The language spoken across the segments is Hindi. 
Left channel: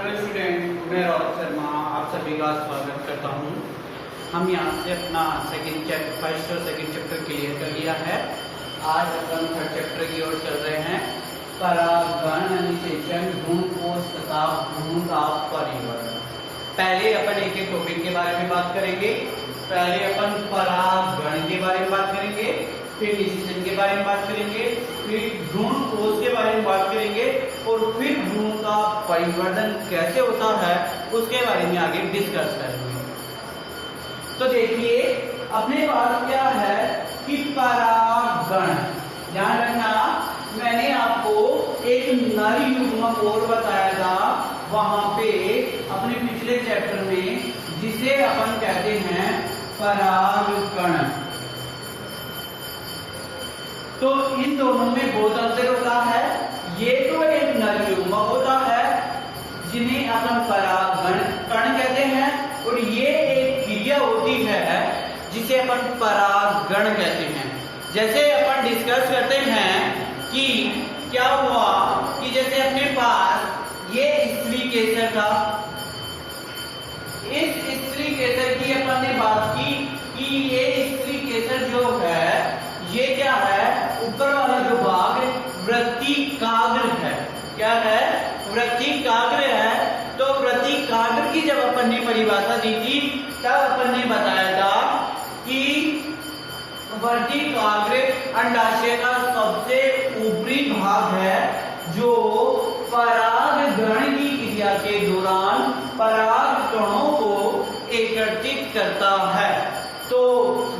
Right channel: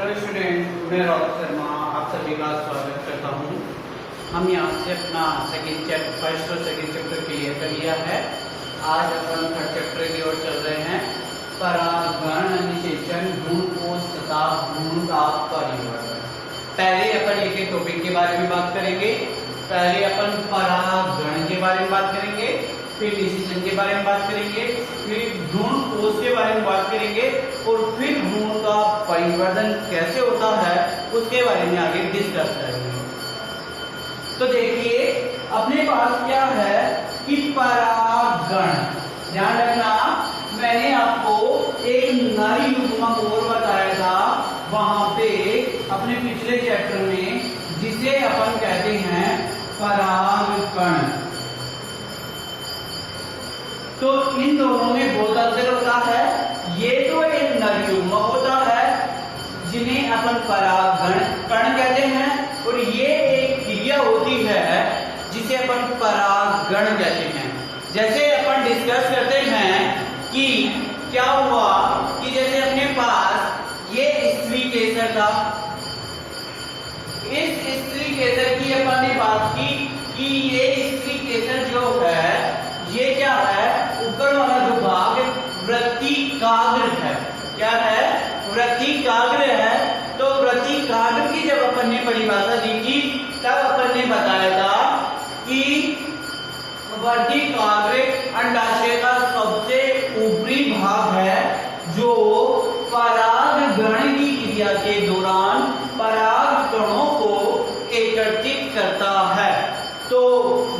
हेलो स्टूडेंट, मैं राहुल शर्मा आप सभी का स्वागत करता हूँ। हम यहाँ से अपना फर्स्ट और सेकंड चैप्टर क्लियर कर लिया है। आज अपन थर्ड चैप्टर की ओर चल रहे हैं। परागण निषेचन, भ्रूण कोश तथा भ्रूण का परिवर्तन। पहले अपन एक एक टॉपिक के बारे में बात करेंगे। पहले अपन परागण के बारे में बात करेंगे, फिर निषेचन के बारे में बात करेंगे, फिर भ्रूण कोश के बारे में बात करेंगे और फिर भ्रूण का परिवर्तन कैसे होता है उसके बारे में आगे डिस्कस करेंगे। तो देखिए अपने पास क्या है कि परागण। ध्यान रखना, मैंने आपको एक नर युग्मक और बताया था वहां पे अपने पिछले चैप्टर में, जिसे अपन कहते हैं परागकण। तो इन दोनों में बहुत अंतर होता है। ये तो एक नर युग्मक होता है जिन्हें अपन परागण कण कहते हैं, और ये एक क्रिया होती है जिसे अपन परागण कहते हैं। जैसे अपन डिस्कस करते हैं कि क्या हुआ कि जैसे अपने पास ये स्त्री केसर था, इस स्त्री केसर की अपन ने बात की कि ये स्त्री केसर जो है ये क्या है, ऊपर वाला जो भाग वृत्तिकाग्र है। क्या है? वृत्तिकाग्र है। तो वृत्तिकाग्र की जब अपन ने परिभाषा दी थी तब अपन ने बताया था कि वृत्तिकाग्र अंडाशय का सबसे ऊपरी भाग है जो परागण की क्रिया के दौरान परागकणों को एकत्रित करता है। तो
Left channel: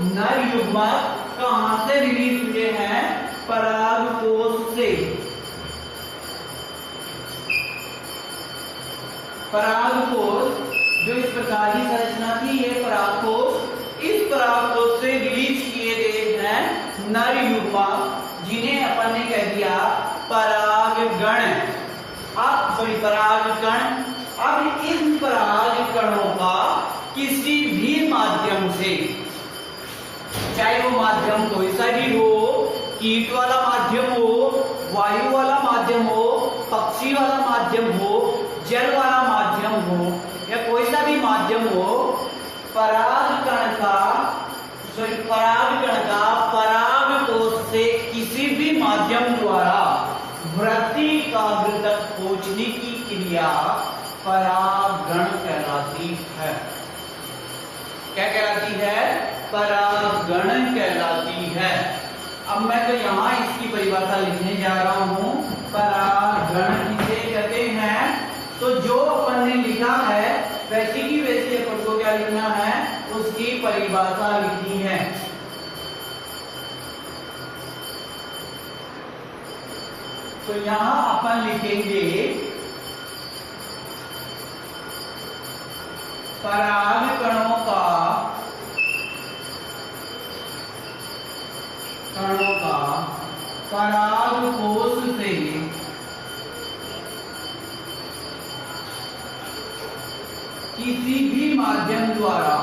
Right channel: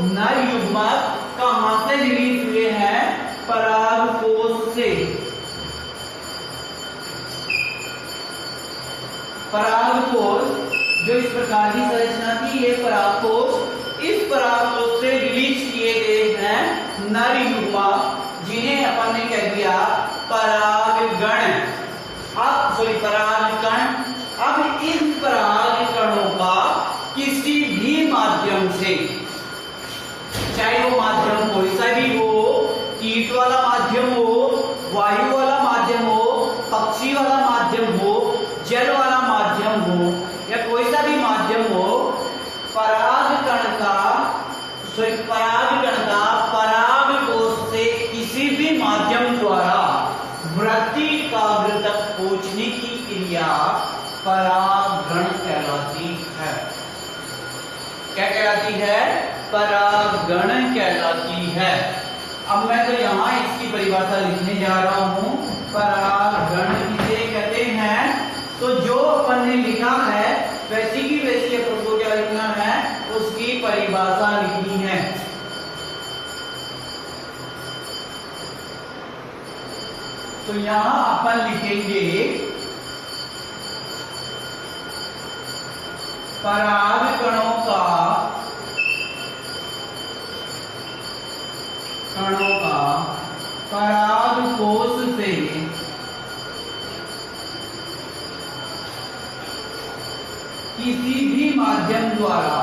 नर युग्मक कहां से रिलीज हुए हैं? परागकोश से। परागकोश जो इस प्रकार की संरचना थी, ये परागकोश, इस परागकोश से रिलीज किए गए हैं नर युग्मक, जिन्हें अपन ने कह दिया परागगण। अब परागकण। अब इन परागकणों का किसी भी माध्यम से, चाहे वो माध्यम कोई सा भी हो, कीट वाला माध्यम हो, वायु वाला माध्यम हो, पक्षी वाला माध्यम हो, जल वाला माध्यम हो, या कोई सा भी माध्यम हो, परागकण का परागकोश से किसी भी माध्यम द्वारा वृत्तिकाग्र तक पहुंचने की क्रिया परागण कहलाती है। क्या कहलाती है? परागण कहलाती है। अब मैं तो यहाँ इसकी परिभाषा लिखने जा रहा हूँ। परागण किसे कहते हैं? तो जो अपन ने लिखा है वैसी की वैसी अपन को क्या लिखना है, उसकी परिभाषा लिखनी है। तो यहाँ अपन लिखेंगे परागकणों का परागकोश से किसी भी माध्यम द्वारा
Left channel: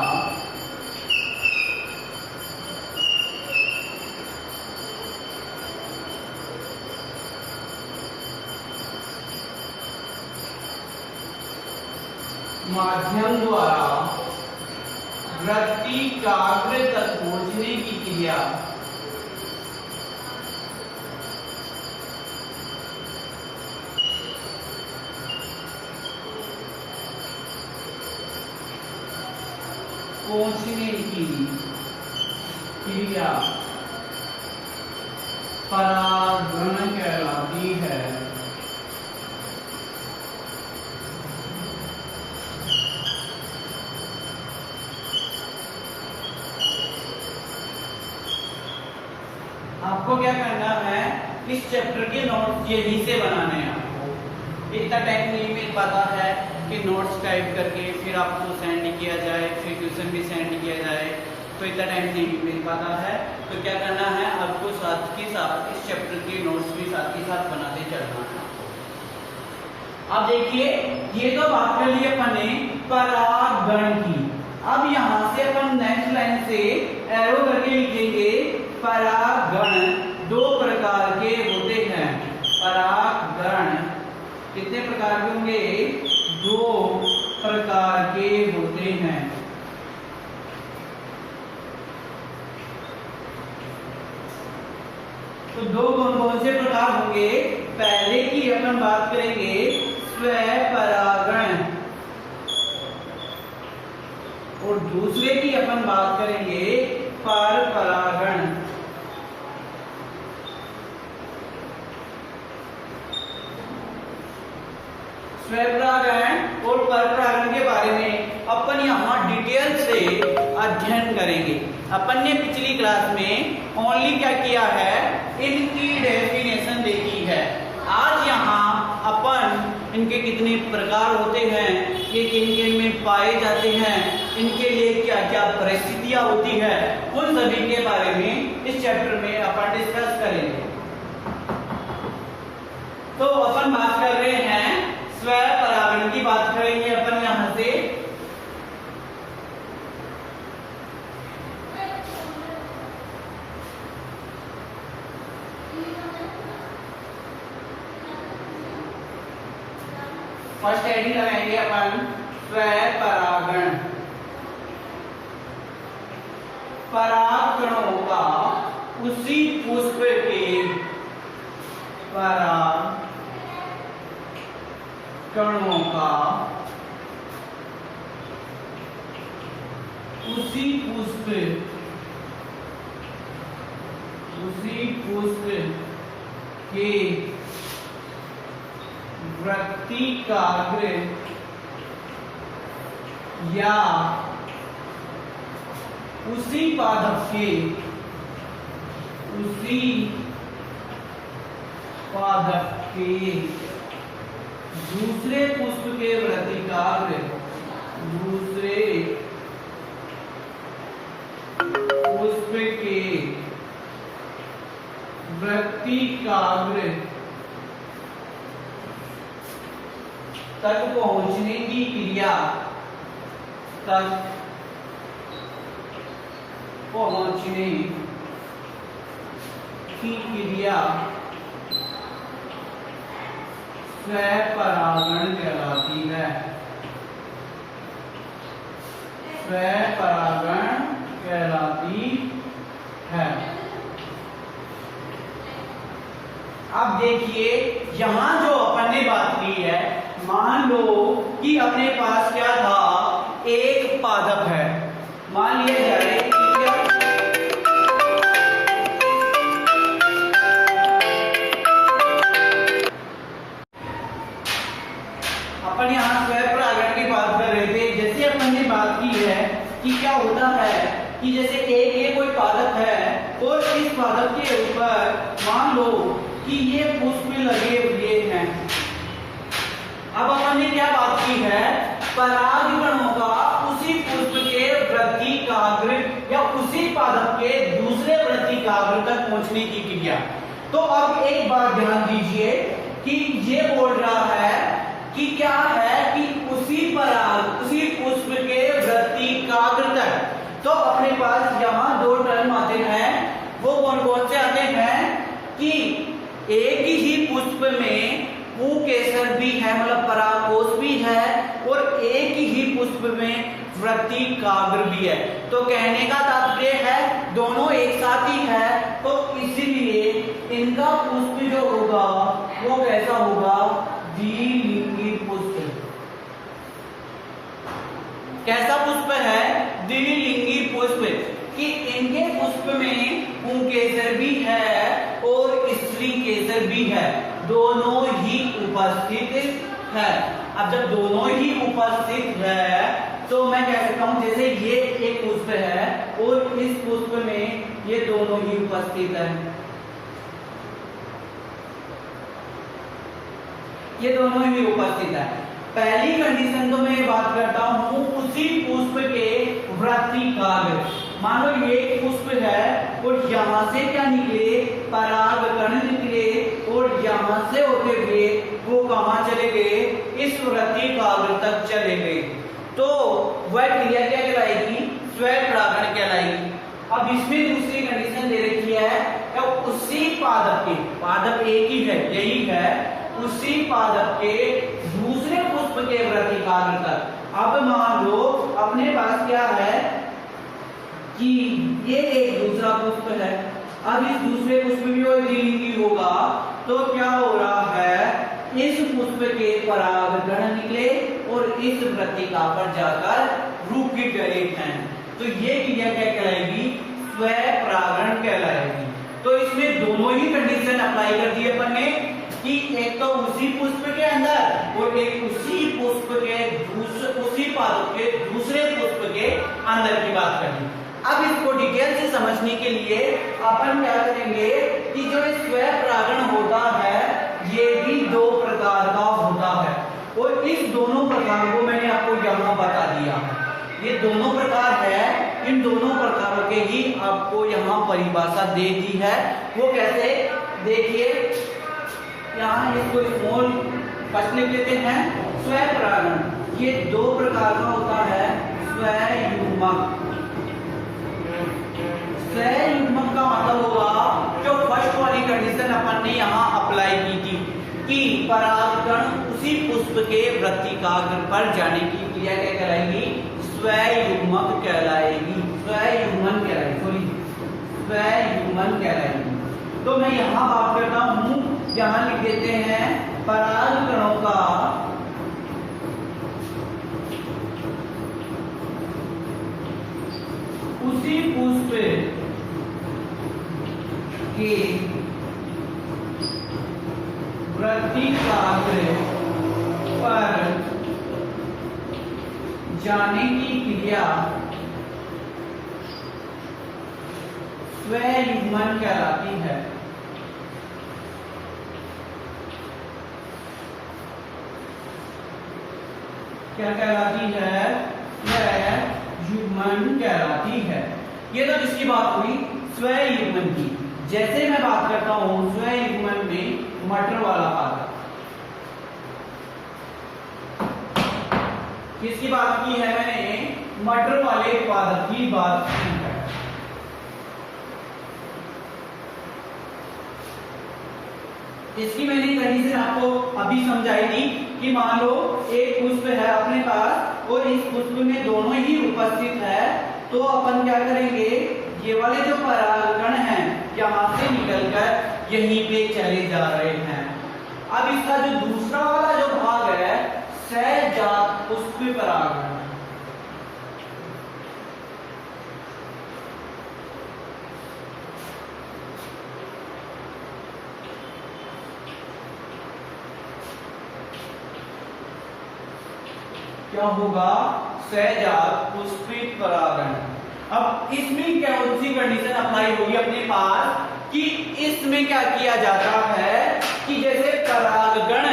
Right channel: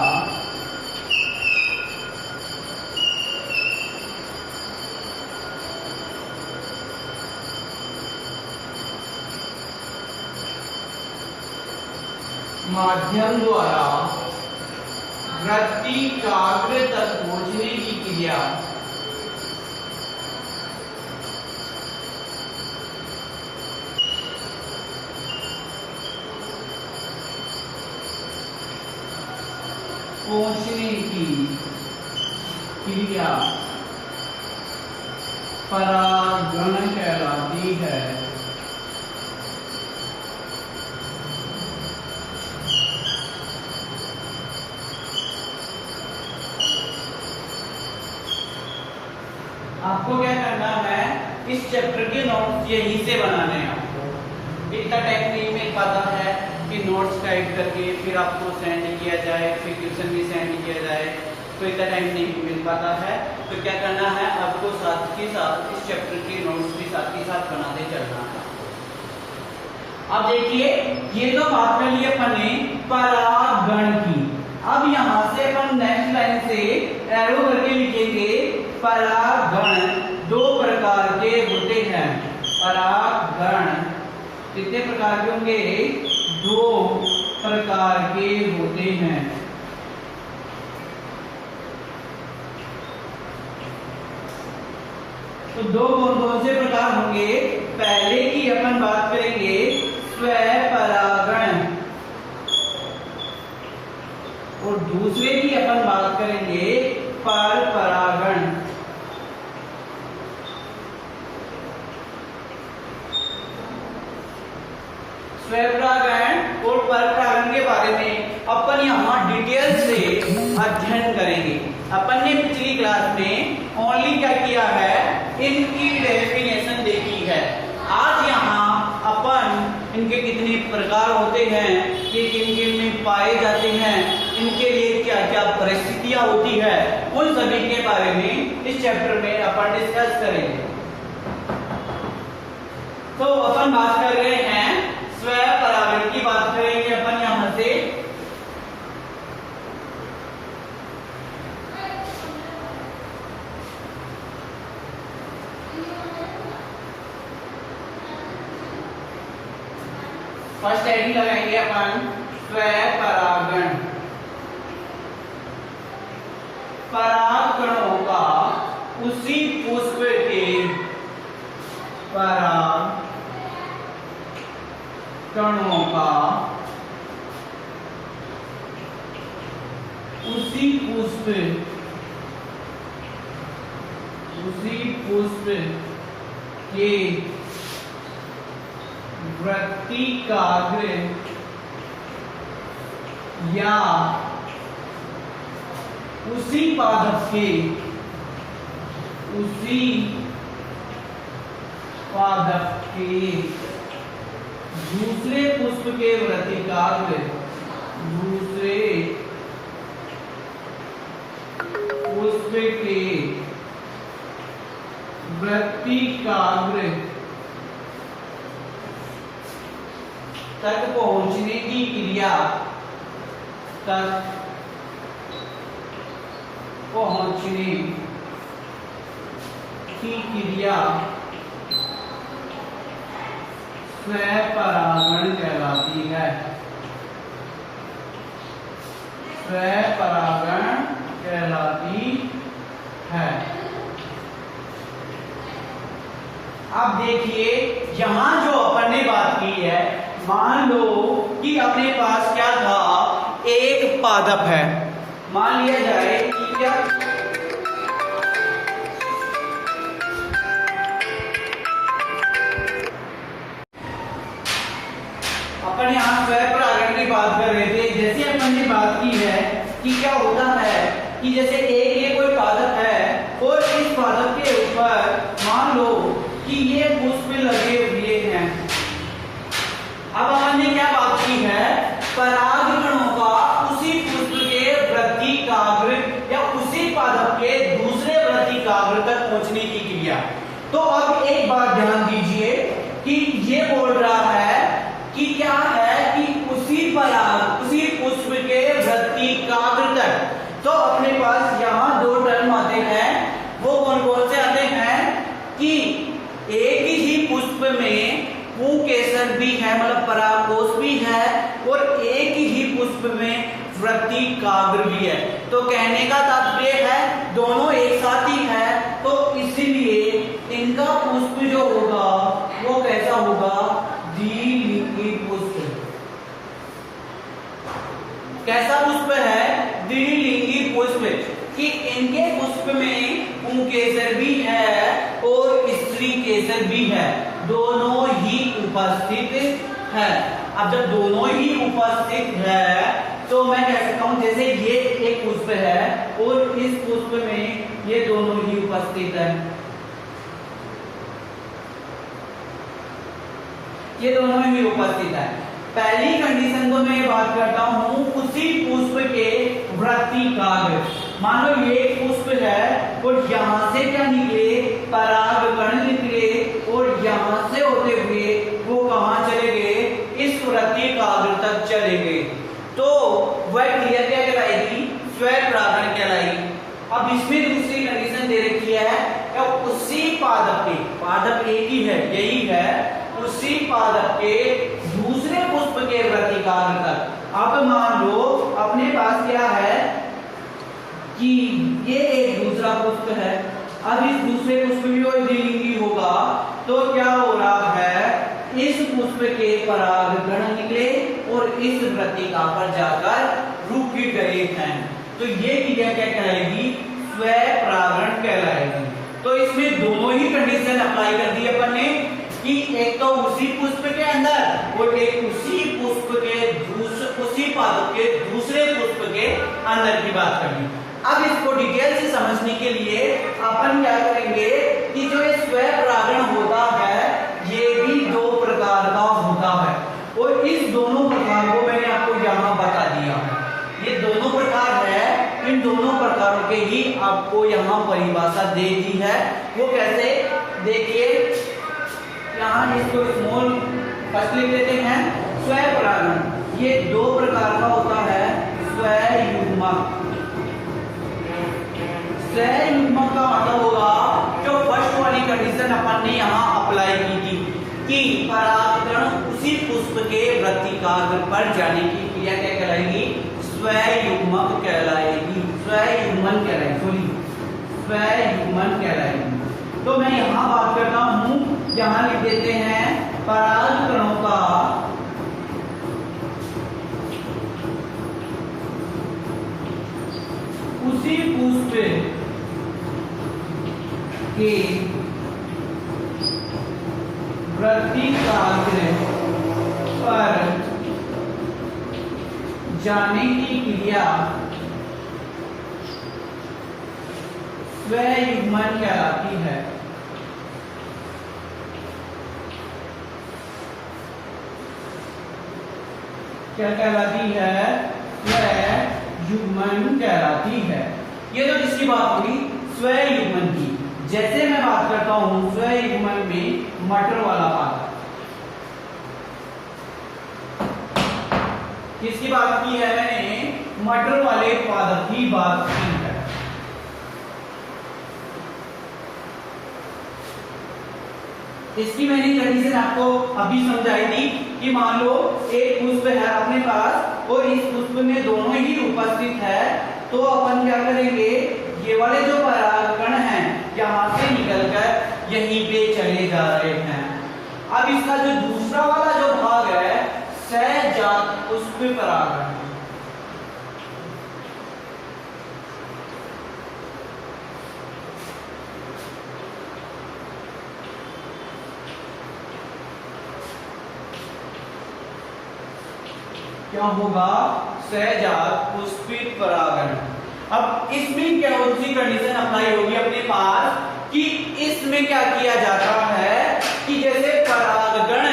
वृत्तिकाग्र तक पहुंचने की क्रिया परागण कहलाती है। आपको क्या करना है, इस चैप्टर के नोट्स यहीं से बनाने हैं। आपको इतना टेक्निक में पता है कि नोट्स टाइप करके फिर आपको सेंड किया जाए, फिर क्वेश्चन भी सेंड किया जाए, तो इतना टाइम नहीं मिल पाता है। तो क्या करना है, आपको साथ ही साथ इस चैप्टर की नोट्स भी साथ ही साथ बनाते चलना है। अब देखिए, ये तो बात कर ली अपन ने परागण की। अब यहाँ से अपन नेक्स्ट लाइन से एरो करके लिखेंगे परागण दो प्रकार के होते हैं। परागण कितने प्रकार के होंगे? 2 प्रकार के होते हैं। तो 2 कौन से प्रकार होंगे? पहले की अपन बात करेंगे स्वपरागण, और दूसरे की अपन बात करेंगे परपरागण। स्वपरागण और परपरागण के बारे में अपन यहाँ डिटेल से अध्ययन करेंगे। अपन ने पिछली क्लास में ओनली क्या किया है? इनकी डेफिनेशन देखी है। आज यहाँ अपन इनके कितने प्रकार होते हैं, ये किन किन में पाए जाते हैं, इनके लिए क्या क्या परिस्थितियां होती है, उन सभी के बारे में इस चैप्टर में अपन डिस्कस करेंगे। तो अपन बात कर रहे हैं स्वपरागण की, बात करेंगे अपन यहां से। फर्स्ट हेडिंग लगाएंगे अपन स्वपरागण। परागकणों का उसी पुष्प के परागकणों का उसी पुष्प के वृत्तिकाग्र या उसी पादप के दूसरे पुष्प के वृत्तिकाग्र, दूसरे पुष्प के वृत्तिकाग्र तक पहुंचने की क्रिया, तक पहुंचने की क्रिया स्वपरागण कहलाती है। स्वपरागण कहलाती है। अब देखिए यहां जो अपन ने बात की है, मान लो कि अपने पास क्या था? एक पादप है। मान लिया जाए कि क्या अपन यहाँ स्वपरागण की बात कर रहे थे। जैसे अपन ने बात की है कि क्या होता है कि जैसे एक ये कोई पादप है और इस पादप के ऊपर मान लो कि ये पुष्प लगे हुए हैं। अब अपन ने क्या बात की है? परागकणों का उसी पुष्प के वृत्तिकाग्र या उसी पादप के दूसरे वृत्तिकाग्र तक पहुंचने की क्रिया। तो अब एक बात ध्यान दीजिए कि ये बोल रहा है कि क्या है कि उसी पुष्प के वृत्तिकाग्र तक। तो अपने पास यहाँ 2 टर्म आते हैं। वो कौन कौन से आते हैं कि एक ही पुष्प में पुंकेसर भी है, मतलब परागकोश भी है, और एक ही पुष्प में वृत्तिकाग्र भी है। तो कहने का तात्पर्य है दोनों एक साथ ही है। तो इसलिए इनका पुष्प जो होगा वो कैसा होगा? द्विलिंगी पुष्प। कैसा पुष्प है? द्विलिंगी पुष्प। कि इनके पुष्प में पुंकेसर भी है और स्त्री केसर भी है, दोनों ही उपस्थित है। अब जब दोनों ही उपस्थित है तो मैं कह सकता हूं जैसे ये एक पुष्प है और इस पुष्प में ये दोनों ही उपस्थित है, ये दोनों ही उपस्थित है। पहली कंडीशन तो मैं बात करता हूं उसी पुष्प के वृत्तिकाग्र। मान लो ये पुष्प है और यहां से क्या निकले? परागकण निकले और यहां से होते हुए वो कहां चले गए? इस वृत्तिकाग्र तक चले गए। तो वह क्रिया क्या कहलाएगी? स्वपरागण कहलाएगी। अब इसमें दूसरी कंडीशन दे रखी है कि उसी पादप के, पादप एक ही है, यही है, उसी पादप पादप के दूसरे पुष्प के वृत्तिकाग्र तक। अब मान लो अपने पास क्या है कि ये एक दूसरा पुष्प है, अब इस दूसरे पुष्प में द्विलिंगी होगा तो क्या हो रहा है, इस पुष्प के परागकण निकले और इस वृत्तिका पर जाकर रुक गए हैं, तो ये क्रिया क्या कहलाएगी, स्वपरागण कहलाएगी। तो इसमें दोनों ही कंडीशन अप्लाई कर दी अपन ने कि एक तो उसी पुष्प के अंदर और एक उसी पुष्प के उसी पादप के दूसरे पुष्प के अंदर की बात करनी। अब इसको डिटेल से समझने के लिए अपन क्या करेंगे कि जो ये स्वपरागण होता है ये भी दो प्रकार का होता है और इस दोनों प्रकार को मैंने आपको यहाँ बता दिया है। ये दोनों प्रकार है, इन दोनों प्रकारों के ही आपको यहाँ परिभाषा दे दी है। वो कैसे, देखिए यहाँ इसको स्मॉल फर्स्ट लिख लेते हैं। स्वपरागण ये दो प्रकार का होता है, स्वयुग्मक। स्वयुग्मक का मतलब होगा जो फर्स्ट वाली कंडीशन अपन ने यहाँ अप्लाई की थी कि परागकण उसी पुष्प के वृत्तिकाग्र पर जाने की क्रिया क्या कहलाएगी, स्वयुग्मक कहलाएगी, स्वयुग्मन कहलाएगी, सॉरी स्वयुग्मन कहलाएगी। तो मैं यहाँ बात करता हूँ, यहाँ लिख देते हैं परागकणों का उसी पुष्प के वृत्तिकाग्र पर जाने की क्रिया स्वयुग्मन कहलाती है। क्या कहलाती है, स्वयुग्मन कहलाती है। ये तो जिसकी बात हुई स्वयुग्मन की। जैसे मैं बात करता हूं स्वयुग्मन में मटर वाला पादप, किसकी बात की है मैंने, मटर वाले पादप की बात की है। इसकी मैंने कंडीशन आपको अभी समझाई थी कि मान लो एक पुष्प है अपने पास और इस पुष्प में दोनों ही उपस्थित है, तो अपन क्या करेंगे, ये वाले जो परागकण हैं यहाँ से निकलकर यहीं पे चले जा रहे हैं। अब इसका जो दूसरा वाला जो भाग है सहजात पुष्प परागण, क्या होगा, सहजात पुष्पित परागण। अब इसमें क्या सी कंडीशन अप्लाई होगी अपने पास कि इसमें क्या किया जाता है कि जैसे परागकण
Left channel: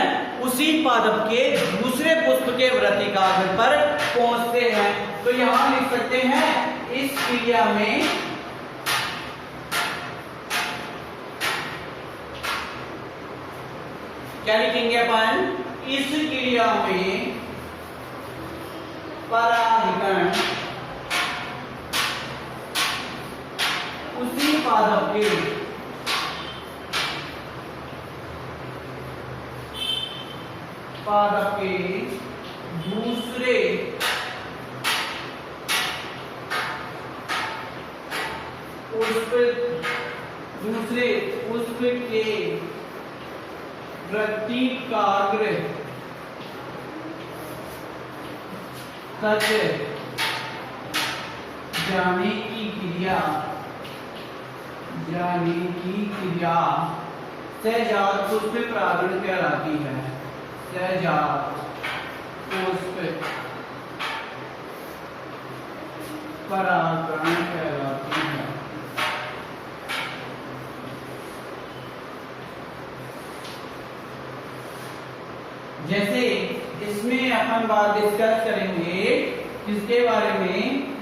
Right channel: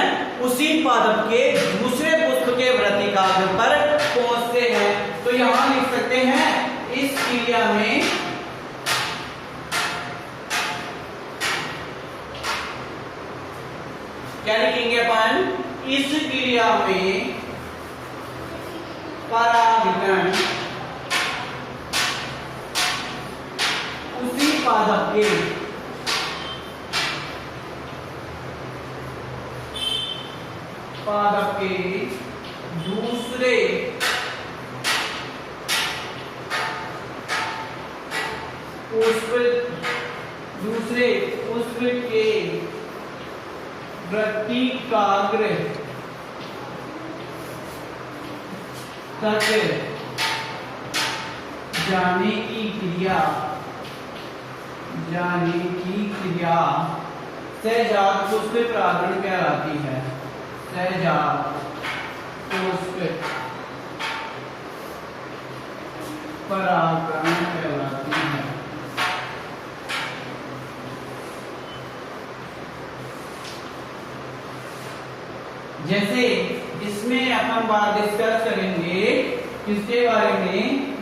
उसी पादप के दूसरे पुष्प के वृत्तिकाग्र पर पहुंचते हैं, तो यहां लिख सकते हैं इस क्रिया में क्या लिखेंगे अपन, इस क्रिया में परागकण उसी पादप के दूसरे पुष्प के वृत्तिकाग्र तक जाने की क्रिया सहजात पुष्प परागण कहलाती है। सहजात पुष्प परागण कहलाती है। जैसे इसमें अपन बात डिस्कस करेंगे किसके बारे में,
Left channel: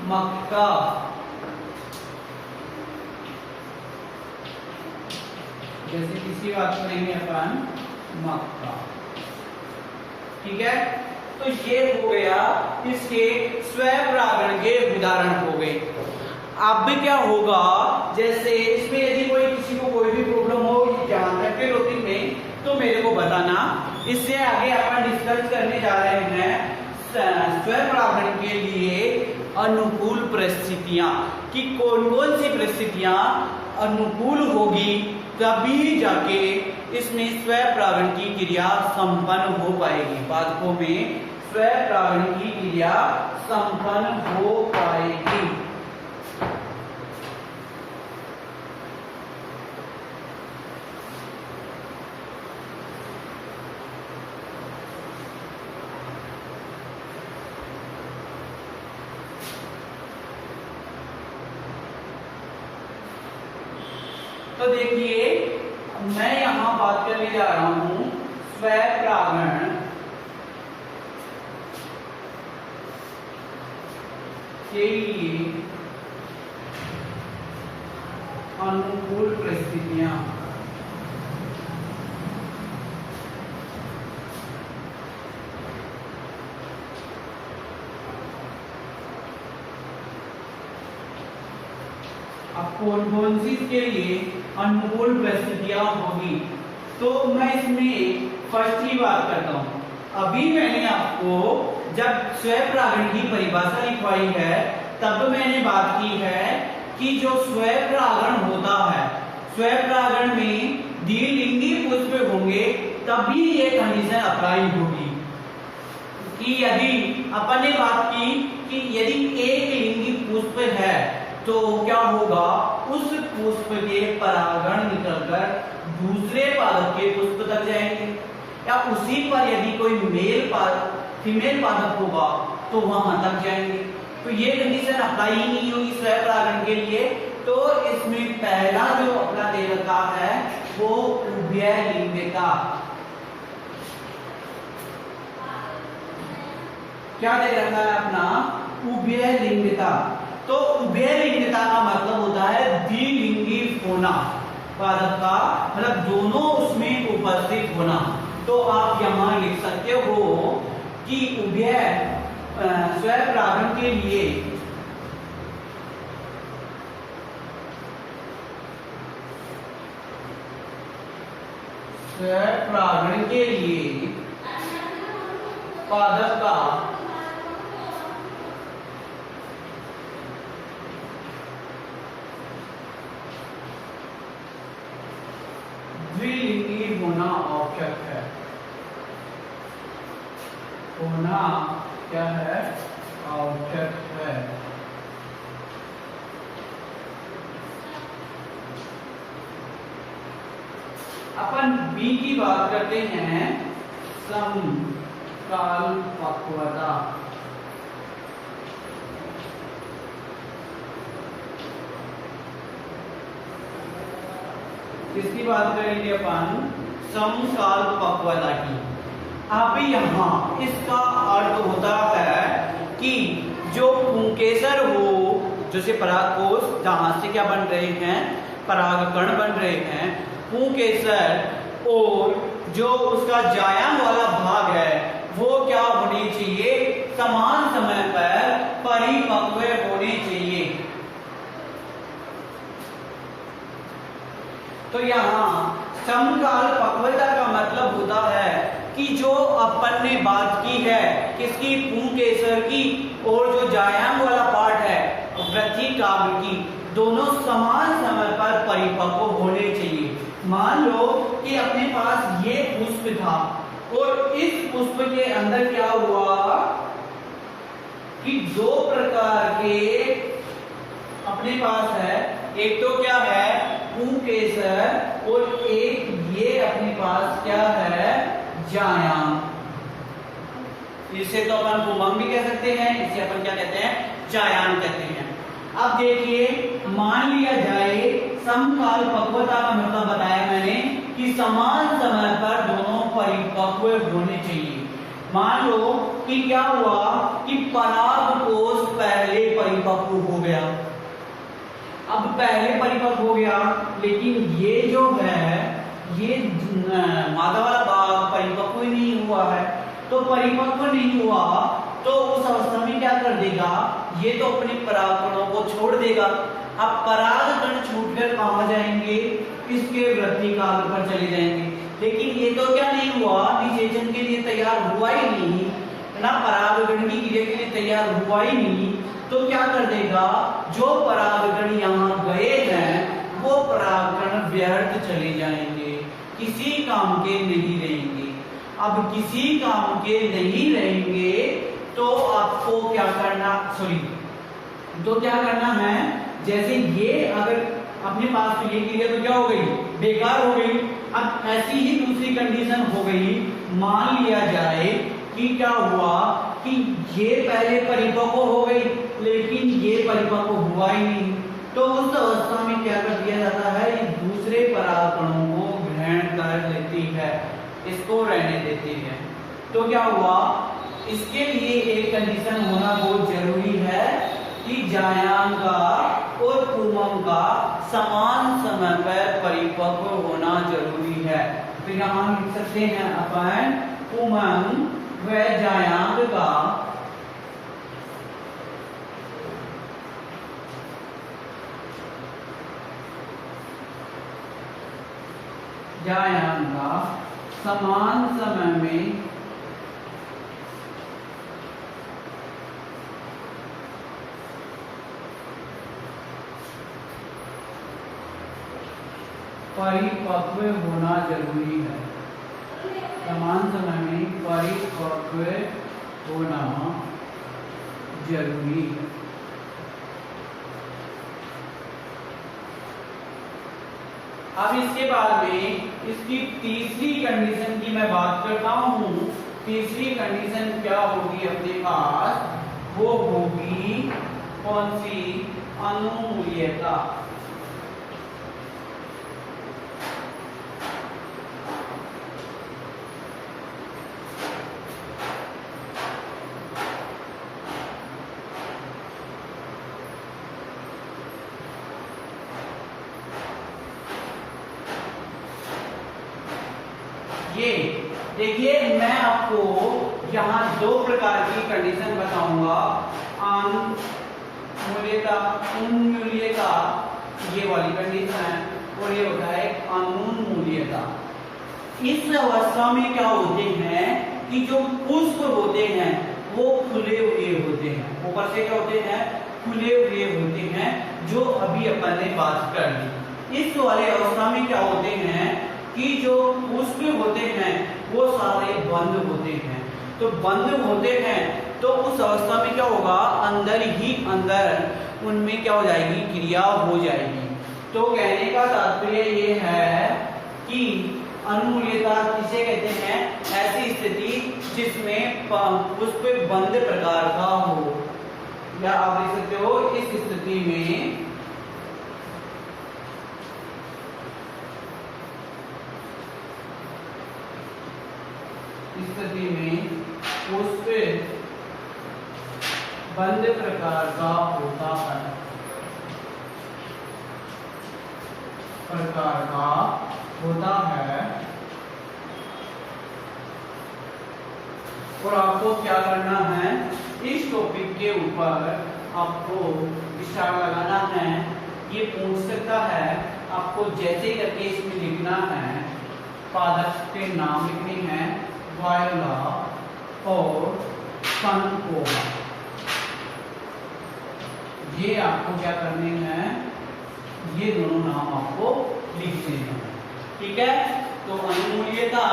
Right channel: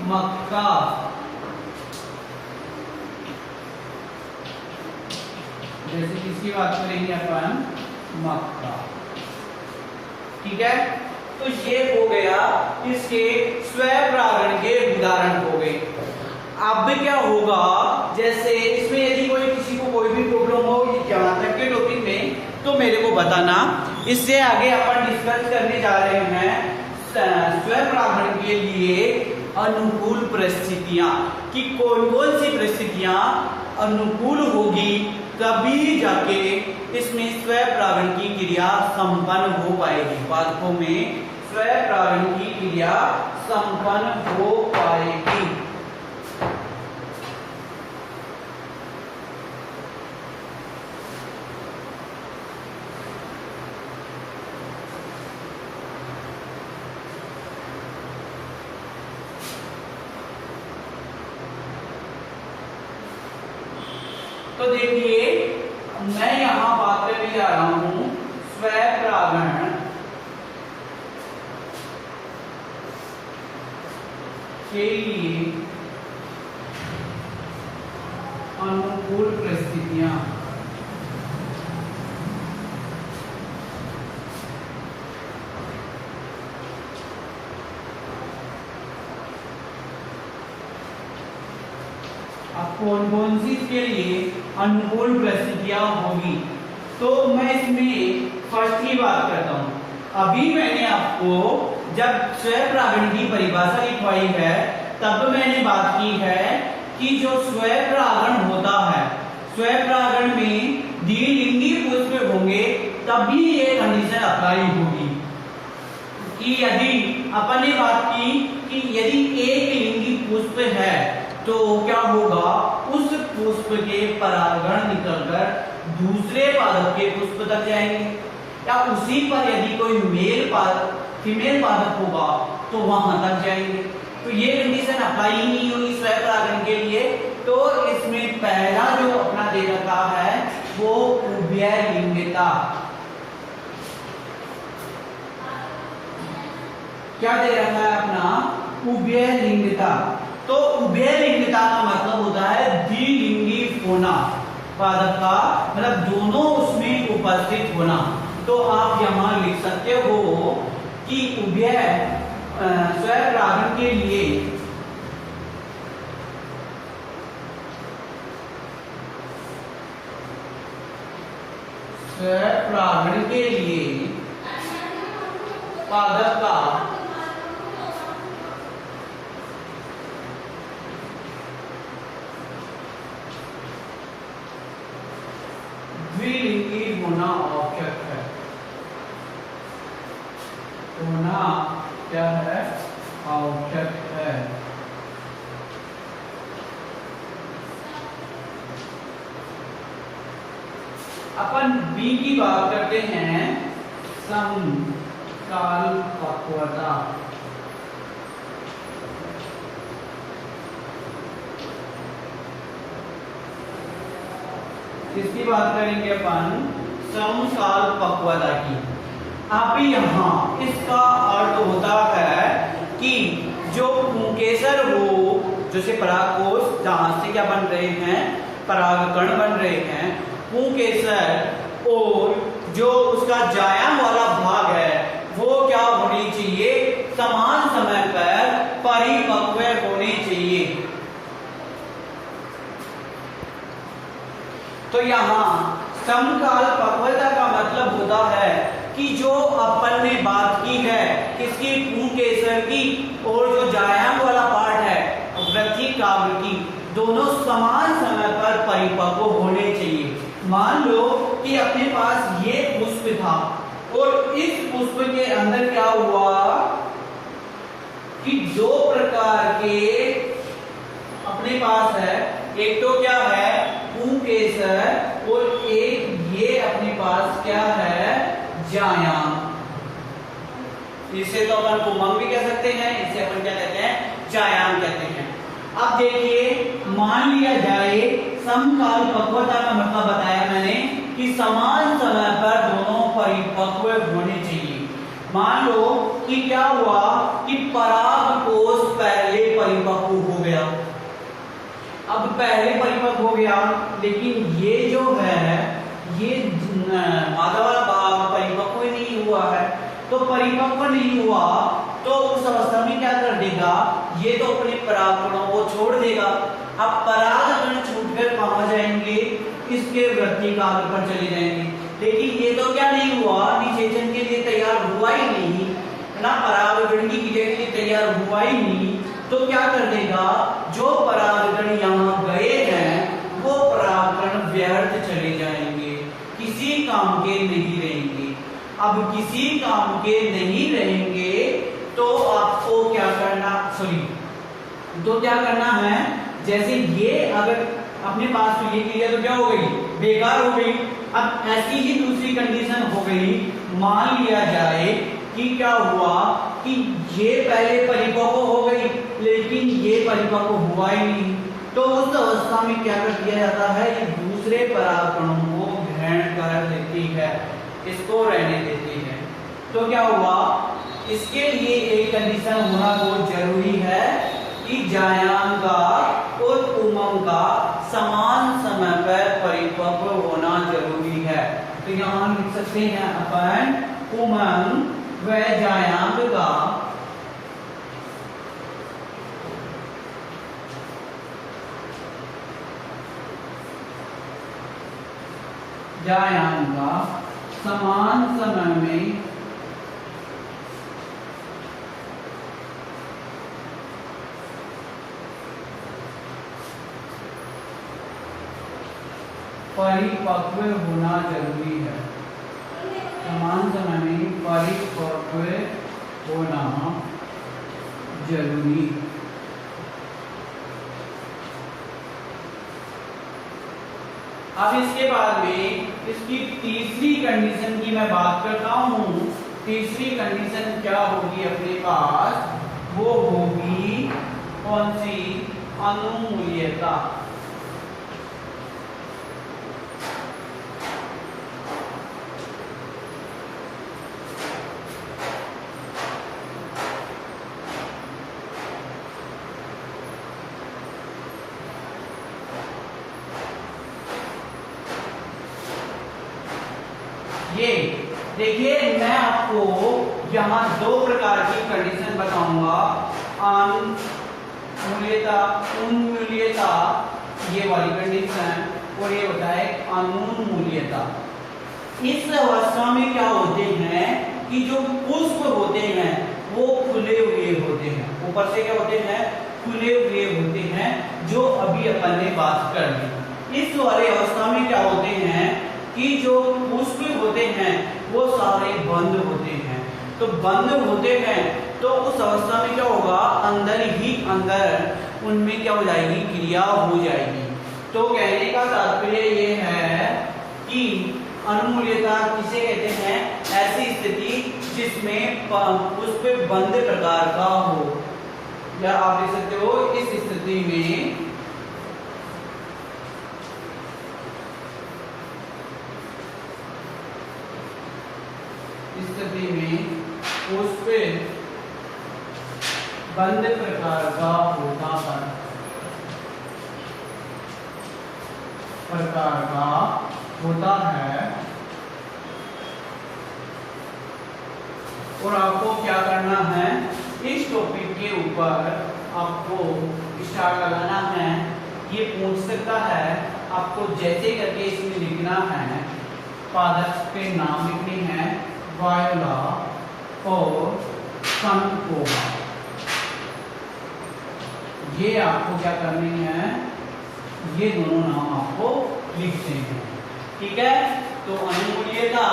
मक्का। जैसे किसकी बात करेंगे अपन, मक्का, ठीक है। तो ये हो गया इसके स्वपरागण के उदाहरण हो गए। अब क्या होगा, जैसे इसमें यदि कोई किसी को कोई भी प्रॉब्लम हो यहाँ तक के टॉपिक में तो मेरे को बताना। इससे आगे अपन डिस्कस करने जा रहे हैं स्वपरागण के लिए अनुकूल परिस्थितियां, कि कौन कौन सी परिस्थितियां अनुकूल होगी तभी जाके इसमें स्वपरागण की क्रिया संपन्न हो पाएगी। पादपों में स्वपरागण की क्रिया संपन्न हो पाएगी। तो देखिए मैं यहां बात करने जा रहा हूं स्वपरागण के लिए अनुकूल परिस्थितियां। अब कौन सी के लिए अनुकूल परिस्थितियां होगी, तो मैं इसमें फर्स्ट की बात करता हूं। अभी मैंने आपको जब स्वपरागण की परिभाषा लिखवाई है तब मैंने बात की है कि जो स्वपरागण होता है, स्वपरागण में द्विलिंगी पुष्प होंगे तभी ये कंडीशन अप्लाई होगी। कि यदि अपन ने बात की कि यदि एक लिंगी पुष्प है तो क्या होगा, उस पुष्प के परागण निकलकर दूसरे पादप के पुष्प तक जाएंगे, या उसी पर यदि कोई फीमेल पादप होगा तो वहां तक जाएंगे। तो ये कंडीशन अप्लाई ही नहीं होगी स्वपरागण के लिए। तो इसमें पहला जो अपना दे रखा है वो उभयलिंगता। क्या दे रखा है अपना, उभयलिंगता। तो उभयलिंगता का मतलब होता है द्विलिंगी होना, पादप का मतलब दोनों उसमें उपस्थित होना। तो आप यहां लिख सकते हो कि उभय स्वपरागण के लिए पादप का द्विलिंगी होना आवश्यक है। होना क्या है, आवश्यक है। अपन बी की बात करते हैं, समकाल पक्वता। किसकी बात करेंगे अपन, समकाल पक्वता की। अभी यहाँ इसका अर्थ होता है कि जो पुंकेसर हो, जैसे परागकोश जहां से क्या बन रहे हैं, परागकण बन रहे हैं, पुंकेसर और जो उसका जायम वाला भाग है वो क्या होनी चाहिए, समान समय पर परिपक्व होनी चाहिए। तो यहाँ समकाल पक्वता का मतलब होता है कि जो अपन ने बात की है किसकी, पुंकेसर की, और जो जायम वाला पार्ट है वृद्धि काव्य की, दोनों समान समय पर परिपक्व होने चाहिए। मान लो कि अपने पास ये पुष्प था और इस पुष्प के अंदर क्या हुआ कि दो प्रकार के अपने पास है, एक तो क्या है पुंकेसर और एक ये अपने पास क्या है, जायाम। इसे तो अपन पुंगम भी कह सकते हैं, इसे अपन क्या कहते हैं, जायाम कहते हैं। अब देखिए मान लिया जाए समकाल पक्वता का मतलब बताया मैंने कि समान समय पर दोनों परिपक्व होने चाहिए। मान लो कि क्या हुआ कि परागकोश पहले परिपक्व हो गया, अब पहले परिपक्व हो गया, लेकिन ये जो है ये मादा वाला भाग परिपक्व ही नहीं हुआ है। तो परिपक्व नहीं हुआ तो उस अवस्था में क्या कर देगा, ये तो अपने परागकणों को छोड़ देगा। अब परागकण छूटकर कहां जाएंगे, इसके वृद्धि काल पर चले जाएंगे। लेकिन ये तो क्या नहीं हुआ, निषेचन के लिए तैयार हुआ ही नहीं ना, परागण की क्रिया के लिए तैयार हुआ ही नहीं, तो क्या कर देगा, जो परागण यहाँ गए हैं वो परागण व्यर्थ चले जाएंगे, किसी काम के नहीं रहेंगे। अब किसी काम के नहीं रहेंगे तो आपको क्या करना, तो क्या करना है, जैसे ये अगर अपने पास तो ये क्रिया तो क्या हो गई, बेकार हो गई। अब ऐसी ही दूसरी कंडीशन हो गई, मान लिया जाए कि क्या हुआ कि ये पहले परिपक्व हो गई लेकिन ये परिपक्व हुआ ही नहीं, तो उस अवस्था में क्या कर दिया जाता है, ये दूसरे परागकणों को ग्रहण कर लेती है, इसको रहने देती है। तो क्या हुआ, इसके लिए एक कंडीशन होना बहुत जरूरी है कि जायांगा और उमंगा समान समय पर परिपक्व होना जरूरी है। तो यहाँ हम लिख सकते हैं अपन उमंग व जायांग का समान समय में परिपक्व होना जरूरी है, समान समय में परिपक्व होना जरूरी। अब इसके बाद में इसकी तीसरी कंडीशन की मैं बात करता हूं। तीसरी कंडीशन क्या होगी अपने पास, वो होगी कौन सी, अनुमूल्यता। ये देखिए, मैं आपको यहाँ दो प्रकार की कंडीशन बताऊंगा, अनुमूल्यता, उन्मूल्यता, ये वाली कंडीशन, और ये होता है अनुमूल्यता। इस अवस्था में क्या होते हैं कि जो पुष्प होते हैं वो खुले हुए होते हैं, ऊपर से क्या होते हैं, खुले हुए होते हैं, जो अभी अपन ने बात कर ली। इस वाले अवस्था में क्या होते हैं कि जो पुष्प होते हैं वो सारे बंद होते हैं। तो बंद होते हैं तो उस अवस्था में क्या होगा, अंदर ही अंदर उनमें क्या हो जाएगी, क्रिया हो जाएगी। तो कहने का तात्पर्य ये है कि अनुमूल्यता किसे कहते हैं, ऐसी स्थिति जिसमें पुष्प बंद प्रकार का हो, या आप देख सकते हो इस स्थिति में पुष्प बंद प्रकार का होता है। और आपको क्या करना है, इस टॉपिक के ऊपर आपको स्टार लगाना है। ये पूछ सकता है आपको, जैसे करके इसमें लिखना है, पादप के नाम लिखने हैं, वायोला और कनकोहा, ये आपको क्या करने हैं, ये दोनों नाम आपको लिखने हैं, ठीक है। तो अनुमूल्यता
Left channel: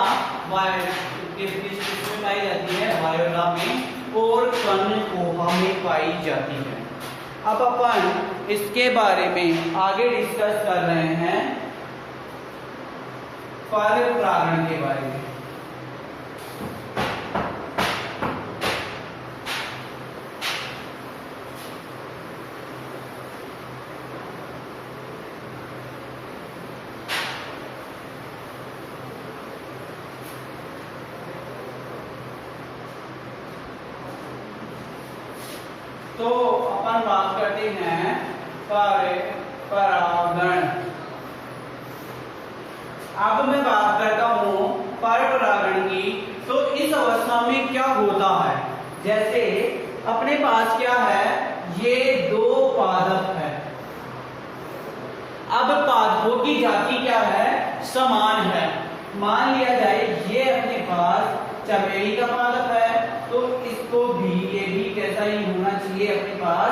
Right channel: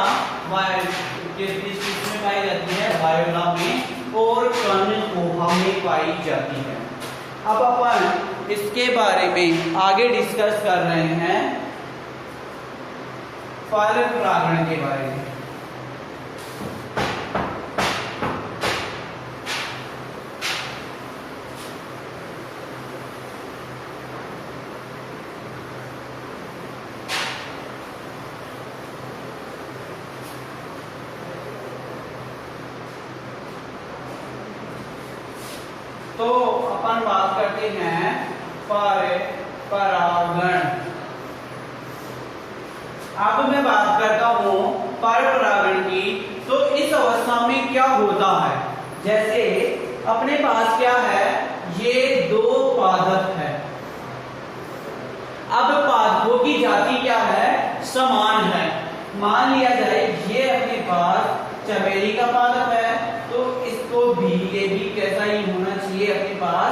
किसमें पाई जाती है, वायोला में, और कनकोहा में पाई जाती है। अब अपन इसके बारे में आगे डिस्कस कर रहे हैं, परपरागण के बारे में। तो अपन बात करते हैं परपरागण। अब मैं बात करता हूं परपरागण की। तो इस अवस्था में क्या होता है, जैसे अपने पास क्या है, ये दो पादप है। अब पादपों की जाति क्या है, समान है, मान लिया जाए ये अपने पास चमेली का पादप है, तो इसको भी ये भी कैसा ही होना चाहिए अपने पास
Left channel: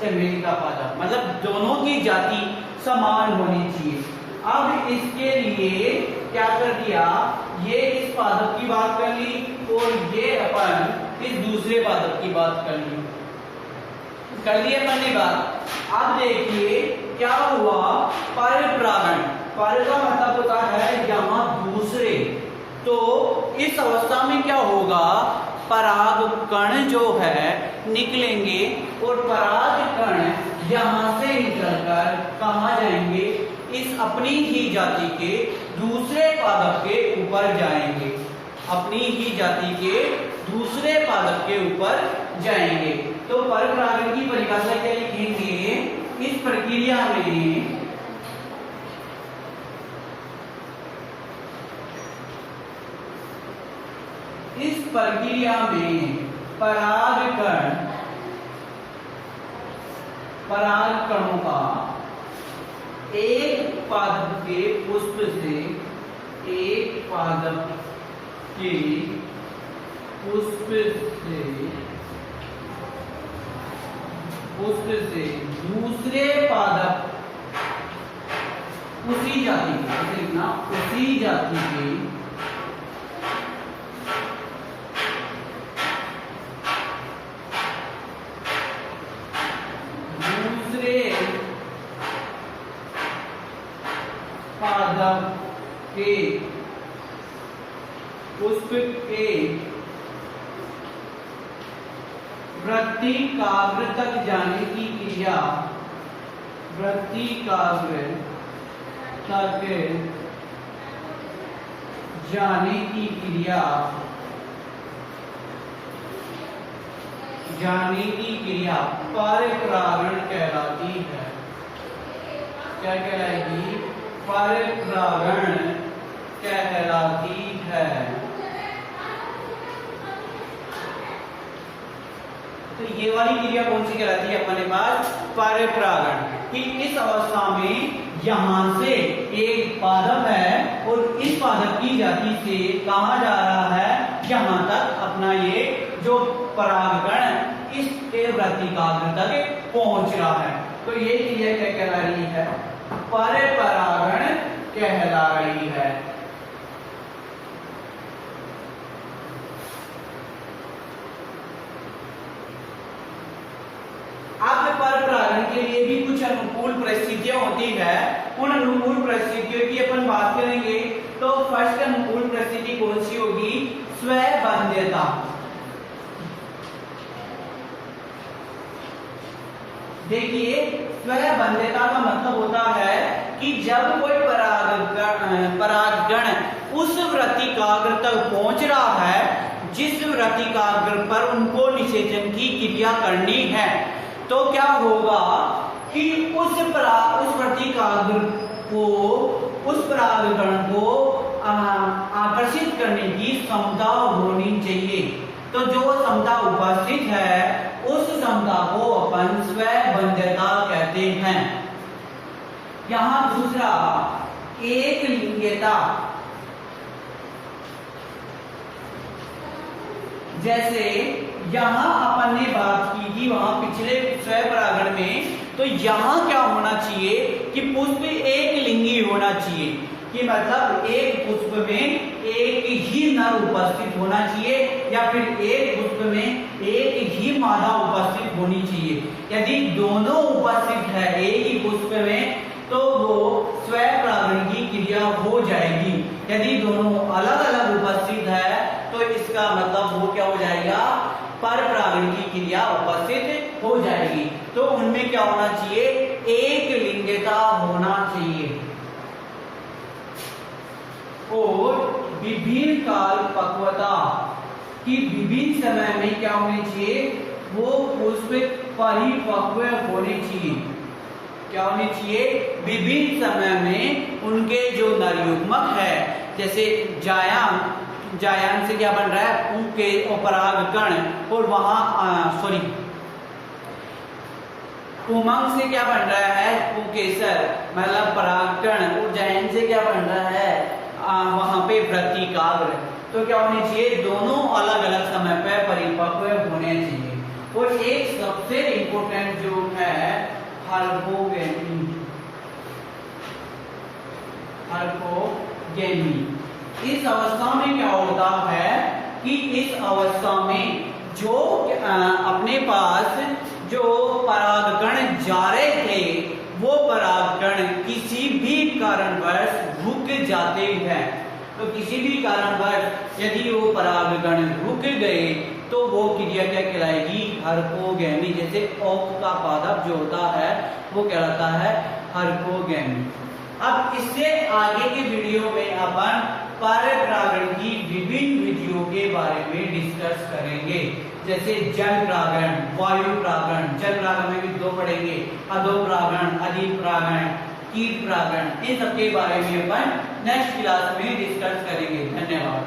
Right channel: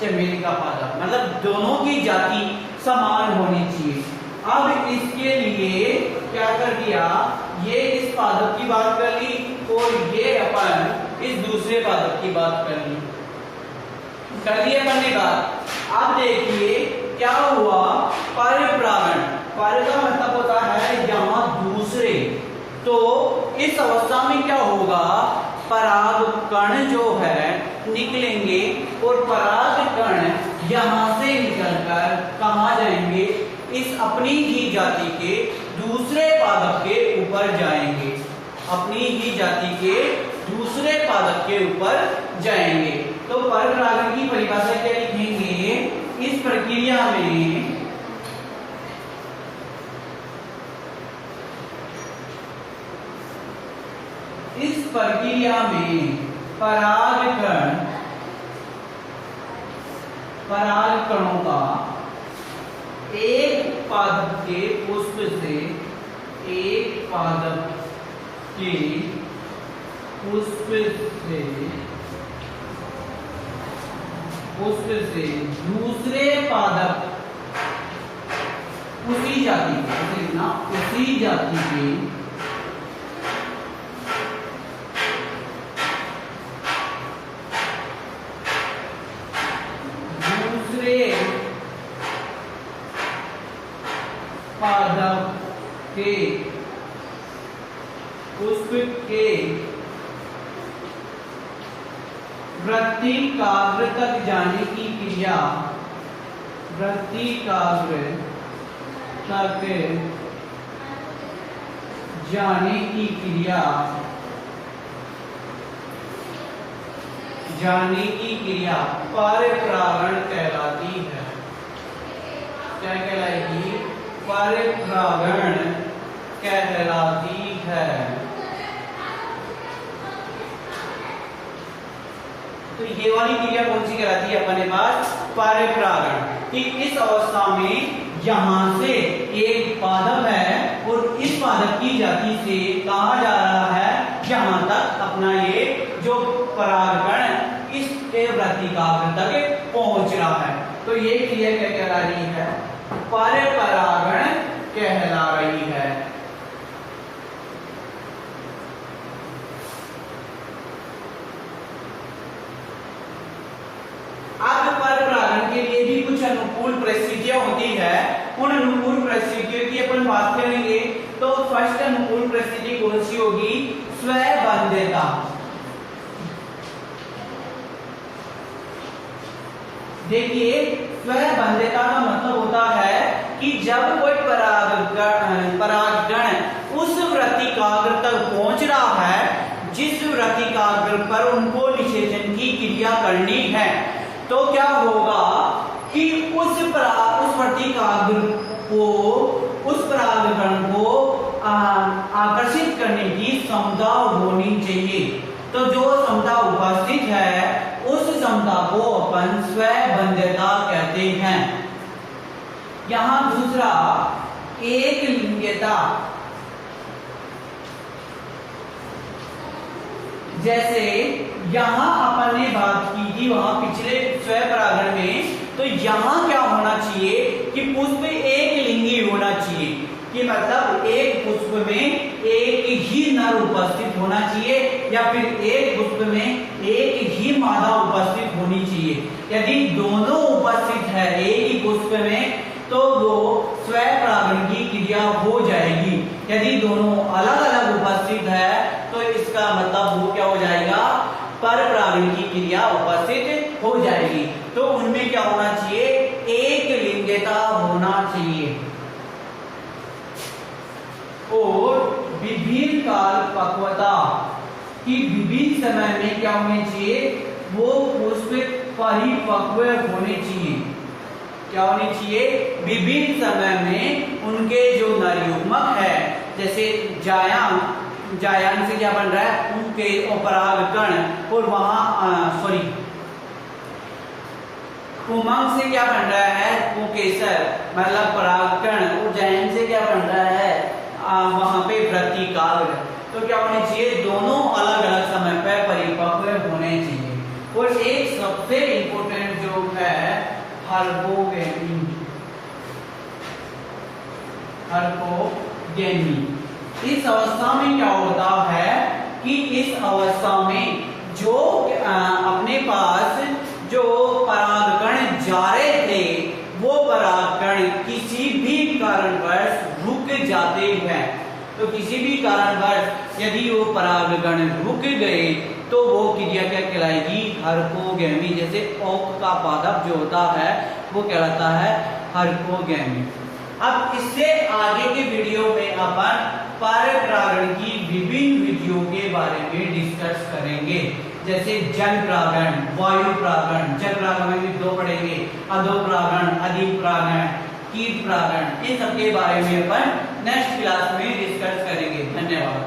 चमेली का पादप, मतलब दोनों की जाति समान होनी चाहिए। अब इसके लिए क्या कर दिया, ये इस पादप की बात कर ली और ये अपन इस दूसरे पादप की बात कर ली, कर लिया पहली बात। अब देखिए क्या हुआ, परिपरागण, पर का मतलब होता है यहाँ दूसरे, तो इस अवस्था में क्या होगा, पराग कण जो है निकलेंगे और पराग कण यहाँ से निकलकर कहाँ जाएंगे, इस अपनी ही जाति के दूसरे पादप के ऊपर जाएंगे, अपनी ही जाति के दूसरे पादप के ऊपर जाएंगे। तो परपरागण की परिभाषा क्या लिखेंगे, इस प्रक्रिया में परागकणों का एक पादप के पुष्प से एक पादप के पुष्प से दूसरे पादप उसी जाति के दूसरे पादप के पुष्प के वृत्तिकाग्र तक जाने की क्रिया, वृत्तिकाग्र तक जाने की क्रिया परपरागण कहलाती है। क्या कहलाएगी, परपरागण कहलाती है। तो ये वाली क्रिया कौन सी कहलाती है अपने पास, परपरागण, कि इस अवस्था में यहां से एक पादप है और इस पादप की जाति से कहा जा रहा है यहां तक अपना ये जो परागकण इस वृत्तिकाग्र तक पहुंच रहा है। तो ये क्रिया क्या कहला रही है, परपरागण कहला रही है। अब परपरागण के लिए भी कुछ अनुकूल परिस्थितियां होती है, उन अनुकूल परिस्थितियों की अपन बात करेंगे। तो फर्स्ट अनुकूल परिस्थिति कौन सी होगी, स्वबंध्यता। देखिए स्वबंध्यता का मतलब होता है कि जब कोई परागकण उस वृत्तिकाग्र तक पहुंच रहा है जिस वृत्तिकाग्र पर उनको निषेचन की क्रिया करनी है, तो क्या होगा कि उस वृत्तिकाग्र को, उस परागकण को आकर्षित करने की क्षमता होनी चाहिए। तो जो क्षमता उपस्थित है उस क्षमता को अपन स्वबंध्यता कहते हैं। यहां दूसरा एक लिंगता, जैसे यहां अपन ने बात की थी वहां पिछले स्वपरागण में, तो यहां क्या होना चाहिए कि पुष्प एक लिंगी होना चाहिए, कि मतलब एक पुष्प में एक ही नर उपस्थित होना चाहिए या फिर एक पुष्प में एक ही मादा उपस्थित होनी चाहिए। यदि दोनों उपस्थित है एक ही पुष्प में तो वो स्वपरागण की क्रिया हो जाएगी। यदि दोनों अलग अलग उपस्थित है तो इसका मतलब वो क्या हो जाएगा, परपरागण की क्रिया उपस्थित हो जाएगी। तो उनमें क्या होना चाहिए, एक लिंगता होना चाहिए और विभिन्न काल पक्वता की विभिन्न समय में क्या होने चाहिए, वो पुष्प परिपक्व होने चाहिए। क्या होने चाहिए, विभिन्न समय में उनके जो नरयुग्मक है, जैसे जायान से क्या बन रहा है, उनके परागकण, और वहां उमंग से क्या बन रहा है, कुकेसर मतलब परागकण, और जायन से क्या बन रहा है, वहां पे वृत्तिकाग्र, तो क्या होने चाहिए, दोनों अलग अलग समय पर परिपक्व होने चाहिए। और एक सबसे इंपॉर्टेंट जो है हाइपोगेमी, इस अवस्था में क्या होता है कि इस अवस्था में जो अपने पास जो परागकण जा रहे थे वो परागकण किसी भी कारणवश रुक जाते हैं। तो किसी भी कारणवश यदि वो परागकण रुक गए तो वो क्रिया क्या कहलाएगी, हाइपोगेमी। जैसे ओक का पादप जो होता है वो कहलाता है हाइपोगेमी। अब इससे आगे के वीडियो में अपन परपरागण की विभिन्न विधियों के बारे में डिस्कस करेंगे, जैसे जल परागण, वायु परागण। जल परागण में भी दो पढ़ेंगे, अधो परागण, अधिक परागण, कीट परागण। इन सब के बारे में अपन नेक्स्ट क्लास में डिस्कस करेंगे। धन्यवाद।